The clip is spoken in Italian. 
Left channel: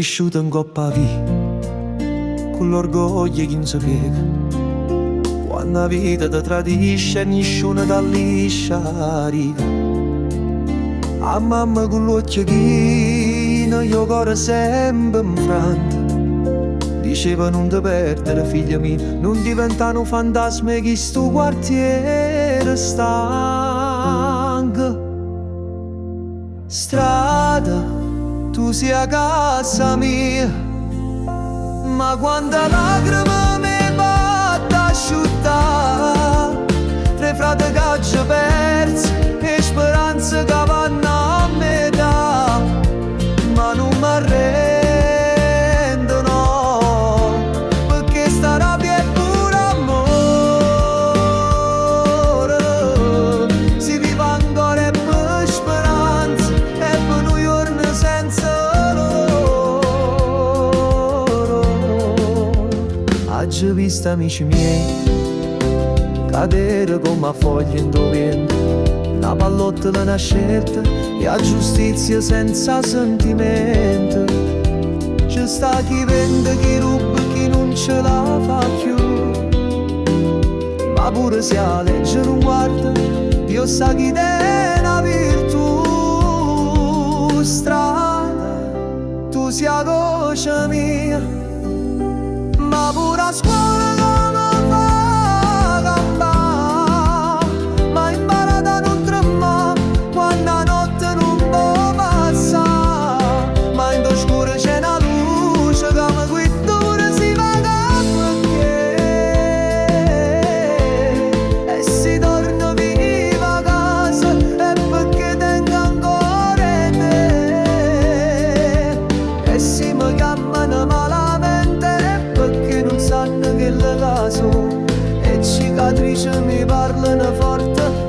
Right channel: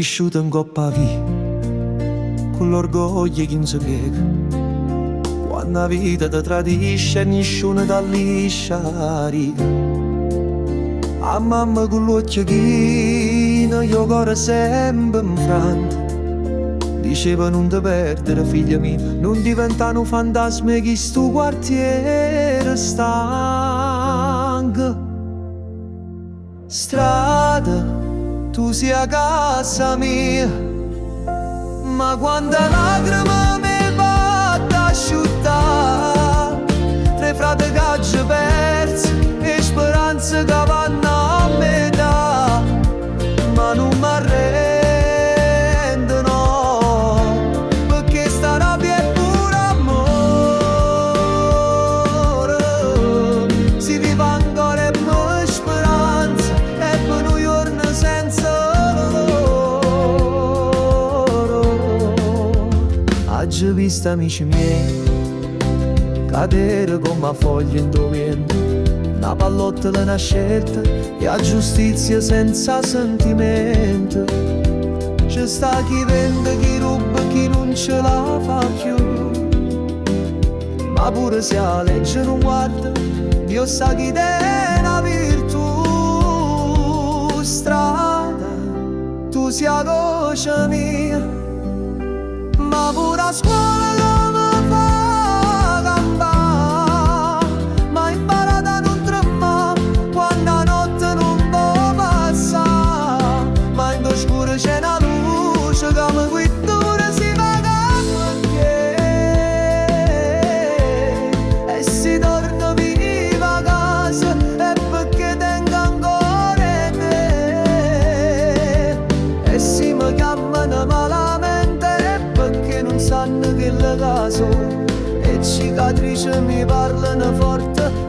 cresciuto in coppa a via, con l'orgoglio che non si piega. Quando la vita ti tradisce, nessuno ti liscia riga. A mamma con l'occhio chino, io cuore sempre infranto. Diceva non ti perdere figlia mia, non diventare un fantasma che sto quartiere stanco. Strada, tu sei a casa mia, ma quando lacrime mi va ad asciuttare, tre frate caggi persi e speranze che vanno a metà, ma non mi arrendo no, perché sta rabbia è pure amore, si vive ancora e per speranza e per un giorno senza loro. Oggi visto amici miei cadere come a foglie in vento, una pallottola, una scelta e a giustizia senza sentimento. C'è sta chi vende, chi ruba, chi non ce la fa più, ma pure se la legge non guarda, Dio sa chi è una virtù. Strada, tu sei la voce mia, ma pure a scuola come fa campare, ma imparato a non tremare quando la notte non può passare, ma in oscuro c'è una luce che mi guida pure si va perché, e si torna viva a casa e perché tengo ancora te, e si mi chiamano malamente perché non sanno che le caso, e cicatrici mi parlano forte